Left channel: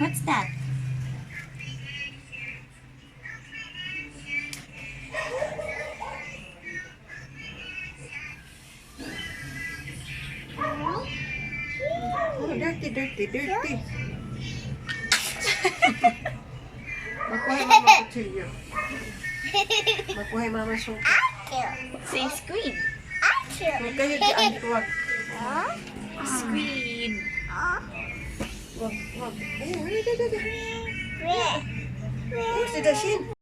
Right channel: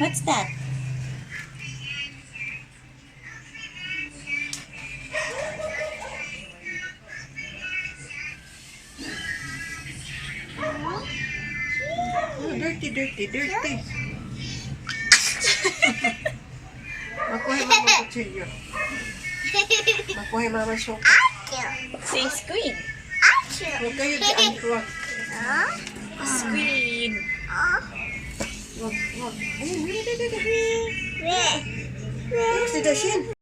What's that? Oh, dirty. Makuha mama kutsilyo. Makuha mama suka. Say squid. Huwag kayo dyan. Huwag. Squid. Huwag. Huwag si Dashin.